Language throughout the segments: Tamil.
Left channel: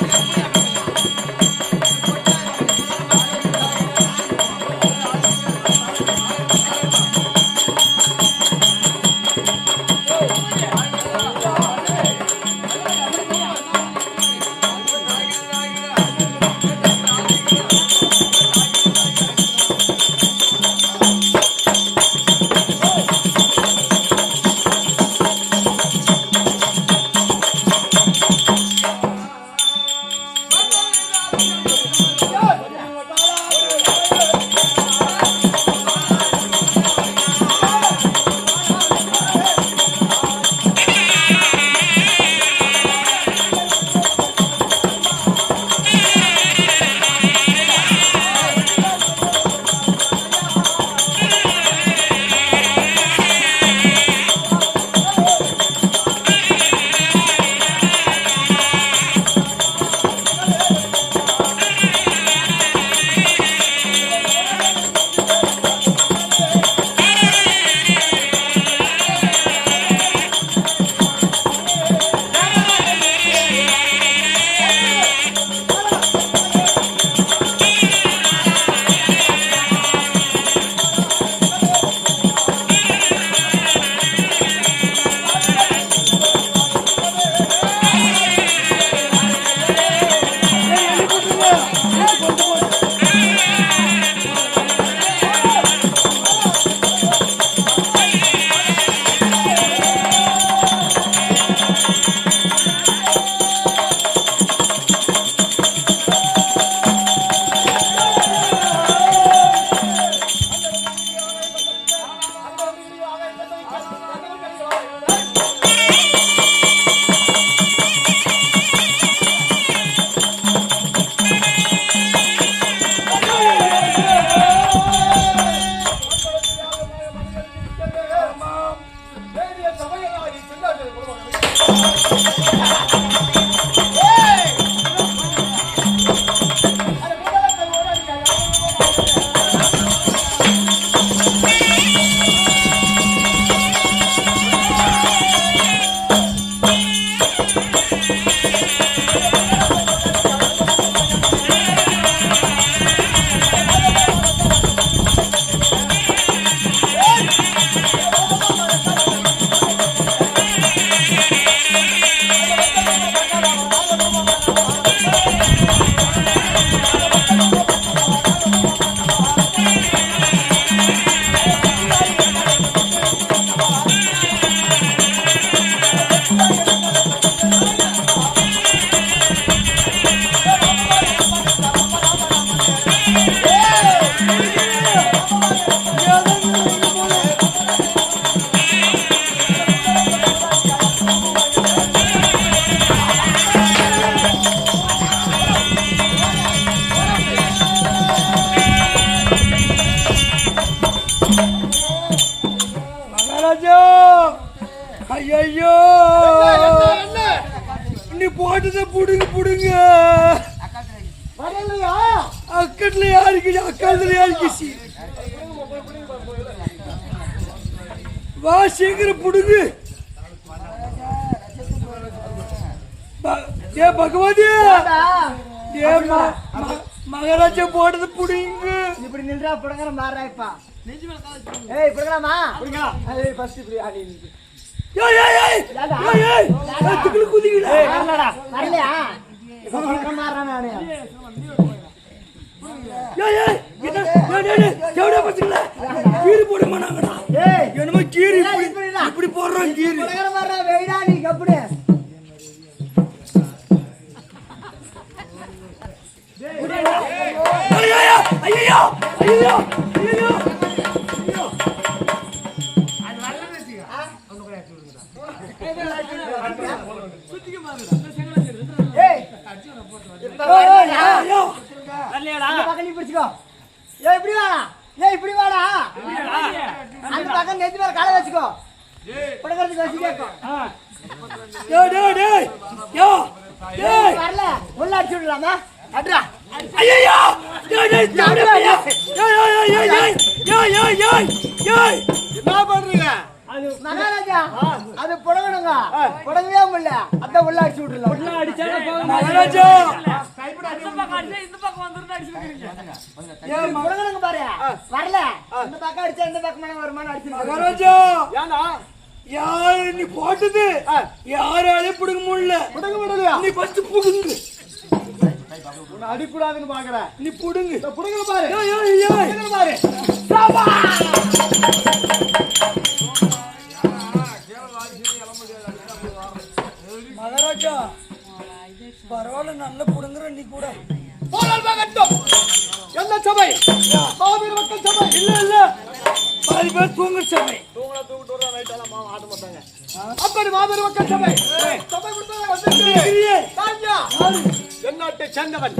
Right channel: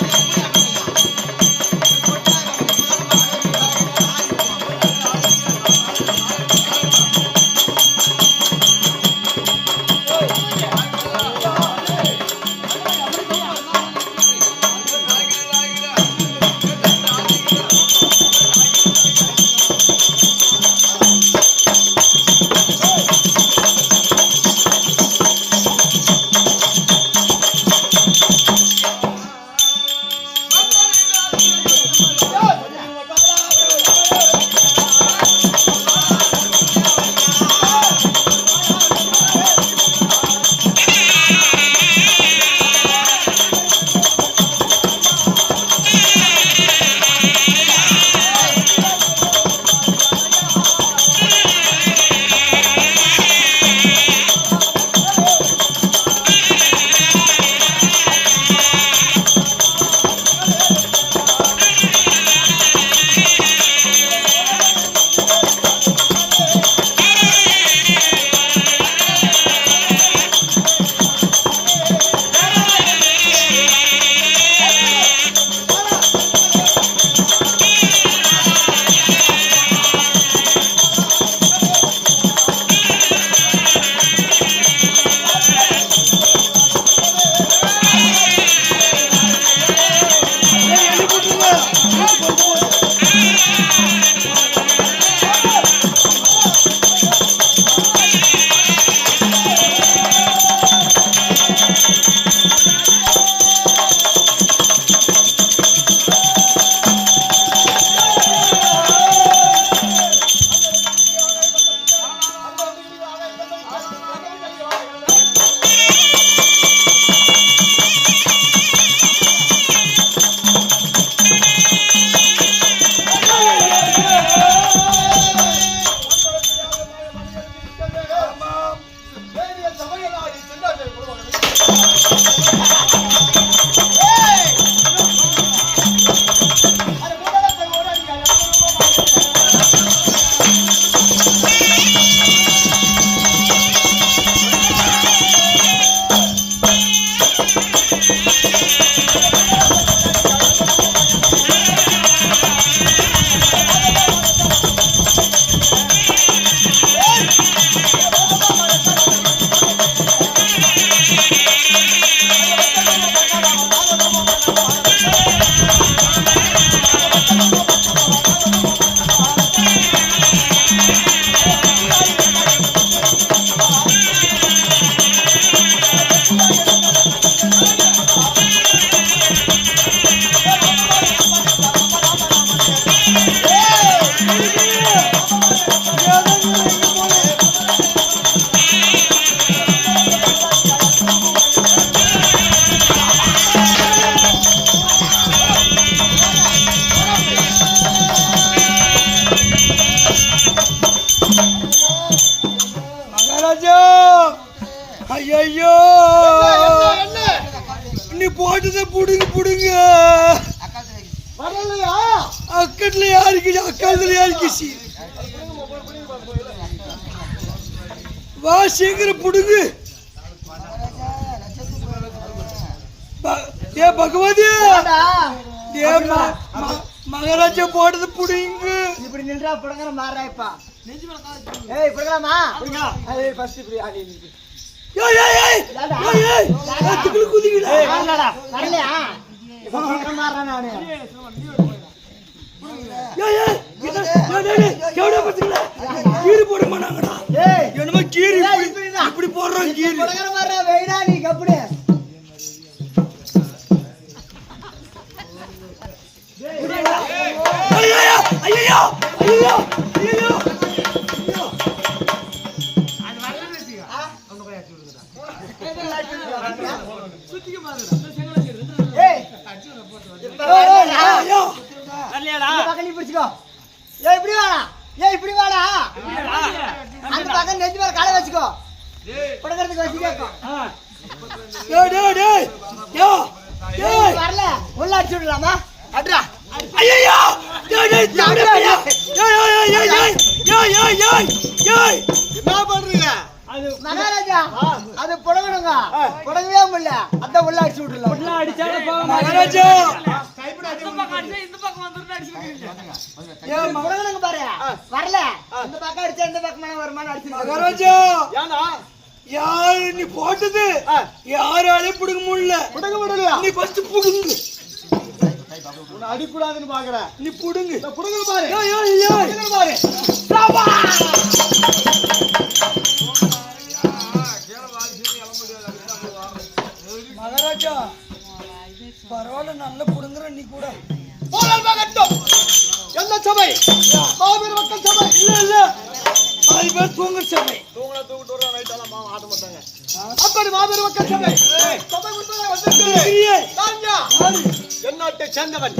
Gracias. சீக்கிரம் புடுங்கு. ஏ பகவதி! ஏ மகாராஜா போட்டது புடுங்கு. இப்படி நின்றா புடங்கற மாறா இப்ப. ஏய் புடங்கலாமா? புடங்கலாம் ஏய் ஃபர்ஸ்ட் இப்படி ஆடி ஏய் ஏய் ஏய் ஏய் ஏய் அதுக்குள்ள குதிக்கல வரலடா. வரலையா? இப்ப புடங்கற மாறா நானு. ஏய் ஏய் ஏய் ஏய் ஏய் இப்படி வாடா ஏ இப்படி வாடா அந்த பக்கம் நெஞ்சு மேல காலை வச்சுக்கோ புடக்கிறதுக்கு வச்சுக்கோ வரல உள்ள அடிச்சு விடலாமா அட்ரா ஐயோ என்ன பண்றீங்க? மகாராஜா அது புடகணுங்க புடகவே முடியல. அதான் உள்ள அடிச்சு விட்டுல மகாராஜா. பக்கம் அடிச்சா பக்கம் அடிச்சுக்கிறீங்க புடகணுங்க பாரு. வரல. இந்த பக்கம் அடிச்சா இந்த பக்கமான வருமானம் அடிச்சு மகாராஜா. ஏன்னா? யாரு நீ போட்டது? யாராலே புடுங்க முடியல. புடுங்க முடியலையா? நீ ஃபர்ஸ்ட் புடுங்கு. உன்னை அடிக்கூடாதுன்னு பாக்குறேன் நீ புடுங்கு. இந்த புடுங்கல பாரு. பாரு. பரவாயில்ல நல்ல புடுங்குற நீ கூட. போரால் மகட்டும். என்ன சபை? மாபெரும் மக்கள் சபை? இல்ல இல்ல. பாதி பேர் தூங்குற சபை. தூங்கல தூக்கிட்டு வர நைட் எல்லாம் மாமா ஆட்ட மாட்டாங்க அப்படி மாபெரும் மக்கள் சபை. சபை எந்நாட்டை சேர்ந்தவன்.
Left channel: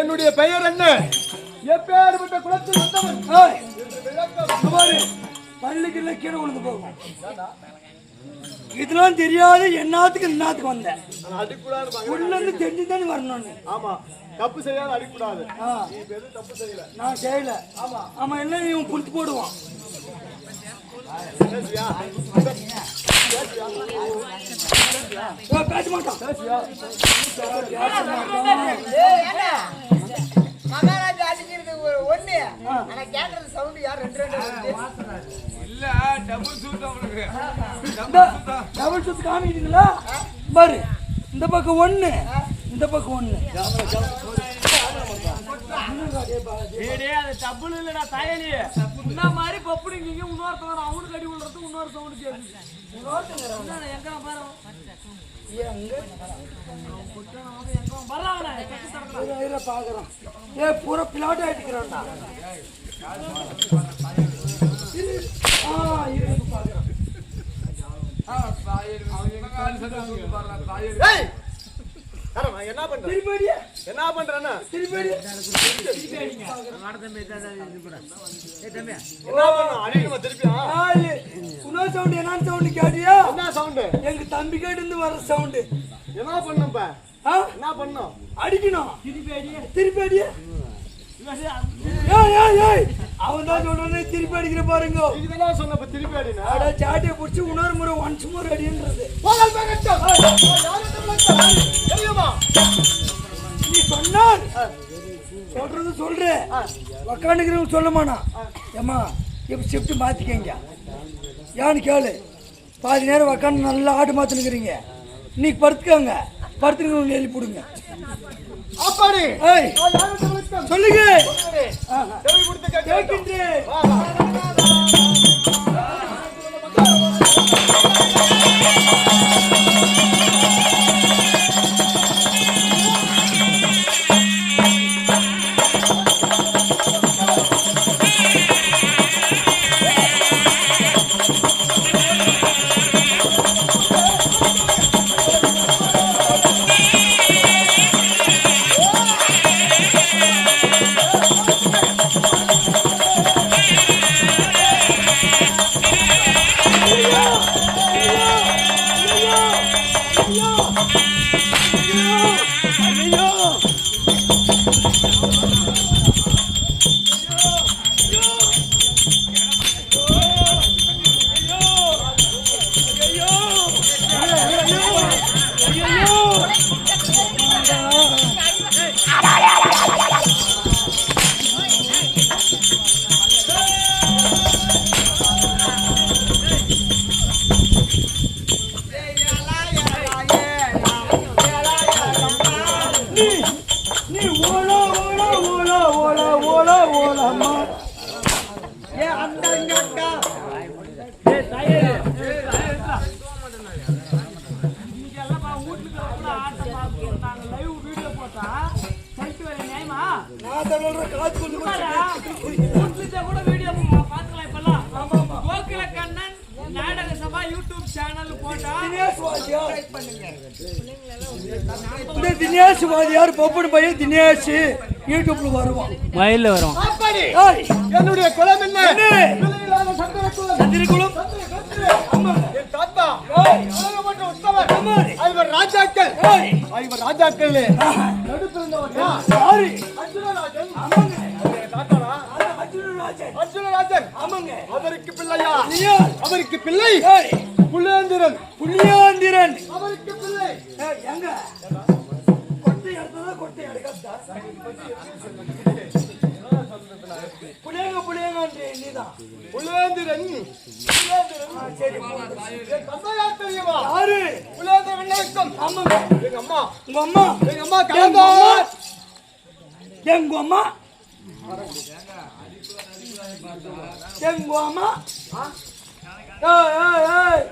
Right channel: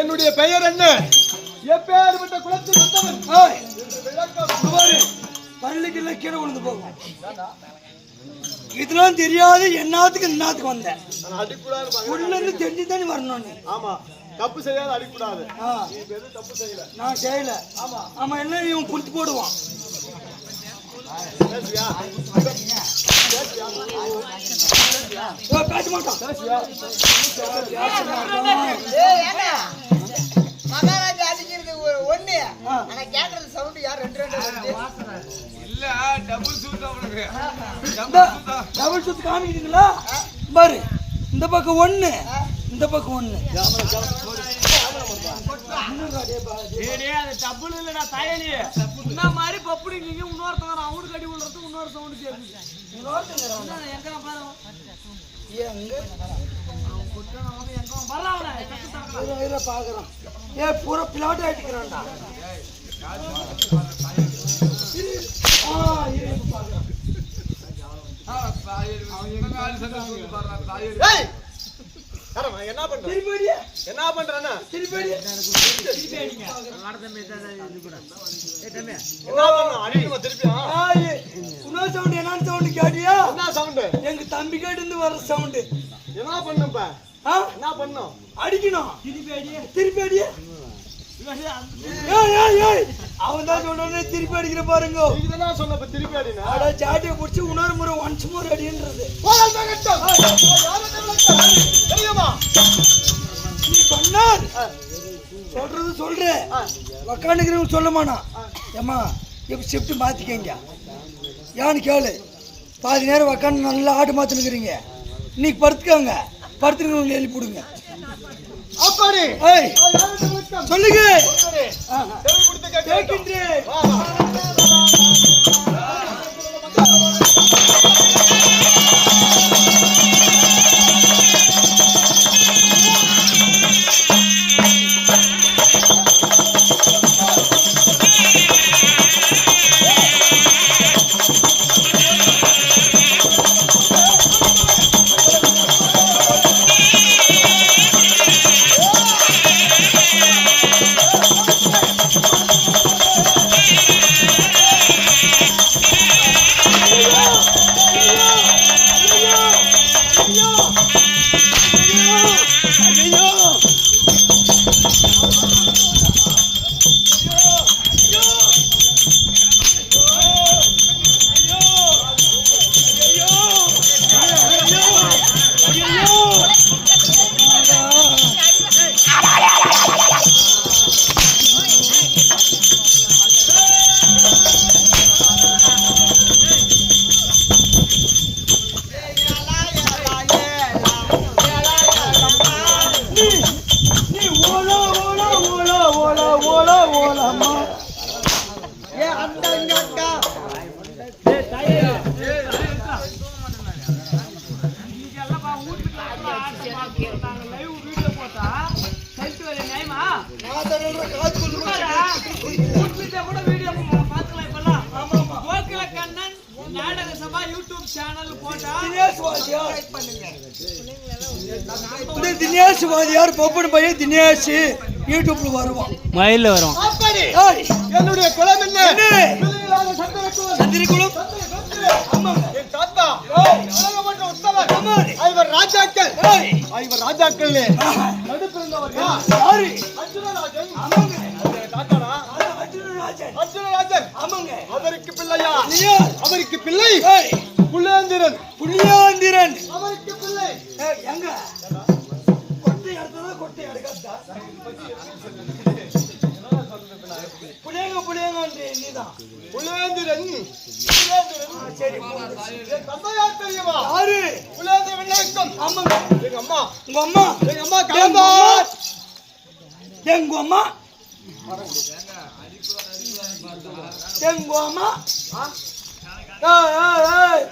என்னுடைய பெயர் என்ன? எப்பேற்பட்ட குலத்தில் வந்தவன். பள்ளிக்கு கீழே விழுந்து போகும். இதெல்லாம் தெரியாது என்னத்துக்கு என்னத்துக்கு வந்தேன் நான் அடிக்கூடாதுன்னு பாக்குறேன். உள்ள இருந்து தெரிஞ்சுதானே வரணும். ஆமா. தப்பு செய்யாத அடிக்கூடாது. தப்பு செய்யல. நான் செய்யல. ஆமா. ஆமா எல்லாம் இவன் புடிச்சு போடுவான். பேச மாட்டான்? மகாராஜா அடிக்கிறது ஒண்ணு. ஆனா கேக்குறது சவுண்ட் யார்? ரெண்டு ரெண்டு டபுள் சுத்து காமிக்கிறீங்களா? பாரு இந்த பக்கம் ஒண்ணு இந்த பக்கம் ஒண்ணு. டேய் டேய், அது டபுள் இல்லடா தாயலி இந்த மாதிரி பப்புடிங்க இன்னொருத்தவன் அவனுக்கு அடி விழுறது இன்னொரு சவுண்ட் கேக்குது. இன்னொருத்தவன் எங்க பாரு? பாக்குறோம் ஏ பூரா பிளாட் ஆயிட்டுக்கிறான்டா என்ன பண்ற? திருப்பி என்ன பண்றேன்னா? திருப்பி. என்ன ஏ, இன்னொரு sound என்னன்னு sound கேட்டியா? என்ன சவுண்டு? எங்க தம்பி கிட்ட இருந்து வர சவுண்டு. என்ன பண்ணும்? என்ன பண்ணும்? அடிக்கணும். திருப்பி அடியே திருப்பி அடியே அவன் தான் சொல்றானே திருப்பி அடிக்கிற பாருங்க. இதெல்லாம் சொன்னப்ப திருப்பி அடினா? அட சாட்டியை பிடிச்சி இன்னொரு முறை ஒன்ஸ் மோர் அடின்றது. நீ சொன்னார். சொல்றது சொல்ற. உக்காந்துக்கிறவங்க சொல்ல மானா ஏம்மா இப்போ ஷிஃப்ட் மாத்திக்கங்க. ஏன்னு கேளு. பாதி நேரம் உக்காந்து நல்லா ஆட்டு மாத்தினுக்கிறீங்க இன்னைக்கு படுத்துக்கோங்க. படுத்துருக்கவங்க எழுப்பி விடுங்க சொல்லுங்க. கூட வீடியோ பாத்துக்கலாம் இப்பெல்லாம். கோகுல கண்ணன் நாடக சபா யூடியூப் சேனல் போட்டா இந்த தினேஷ் வாத்தியார் பொப்பன் பையன் தினேஷ். யூடியூப்ல வருவான். மயில வரும் என்னுடைய குலம் என்ன? என்ன? அர்ஜுனராஜன். ஆமாங்க. அவருக்கு பிள்ளையா? அவருக்கு பிள்ளை? ஏய். புலேந்திரன் புளியாந்திரன் அவருக்கு பிள்ளை. எங்க? கொட்டை எடுத்ததா கொட்டை எடுக்காதா புளியங்க புளியங்கன்றே நீதான் புலேந்திரன் புலேந்திரன் ஆ, சரி என் தந்தையார் தெரியுமா? யாரு? புலேந்திரன் விண்ணாக்கம் ஆமாங்க எங்க அம்மா. உங்க அம்மா. எங்க அம்மா கலந்தார் எங்க அம்மா. எங்க அம்மா. ஏய், ஏய், ஏய்.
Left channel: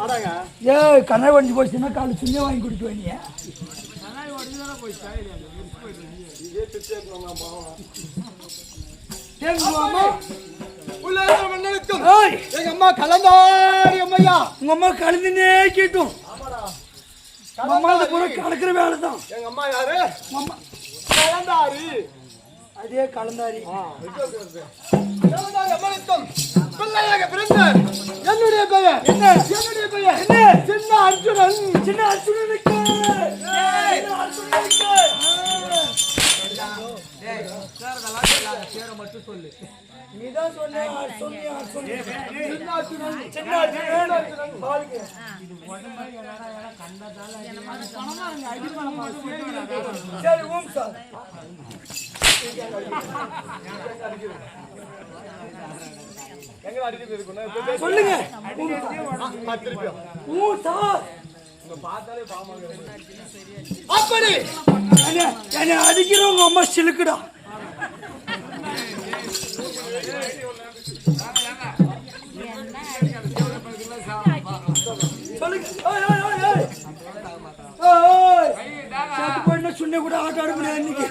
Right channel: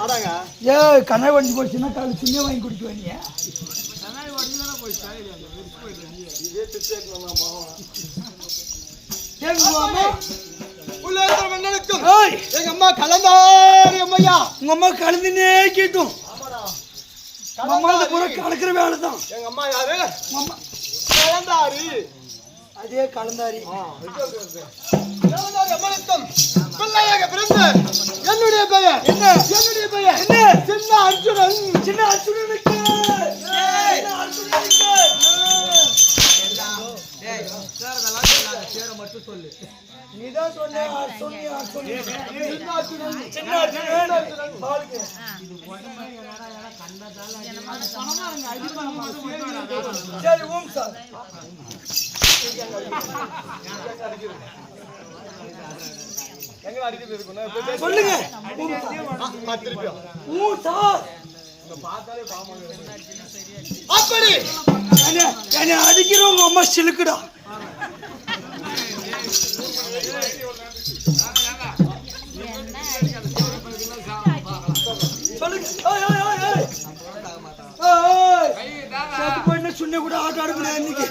ஆடாங்க ஏய் கண்ணாடி வண்டி போச்சுன்னா கால் சின்ன வாங்கி குடிக்க வேண்டிய கண்ணாடி போய் எங்க அம்மா கலந்தார் அம்மையா. உங்க அம்மா கலந்துனே உங்க அம்மா பூரா கலக்கிற வேலை தான். எங்க அம்மா யாரு? அம்மா. கலந்தாரு. அதே கலந்தாரி. என்னுடைய பெயர். என்னுடைய பெயர். சின்ன அர்ஜுனன். சின்ன அர்ஜுனனுக்கு. அர்ஜுனனுக்கு பேரை மட்டும் சொல்லு. நீதான் சொன்ன அர்ஜுனன் பாலுக்கு சரி ஓம் சார். சொல்லுங்க. திருப்பி ஊ சார். அப்படி. என்ன என்னை அடிக்கிறவங்க அம்மா சிலுக்குடா. சொல்லுங்க. ஏய், கூட ஆட்ட ஆட முடியாது இன்னைக்கு.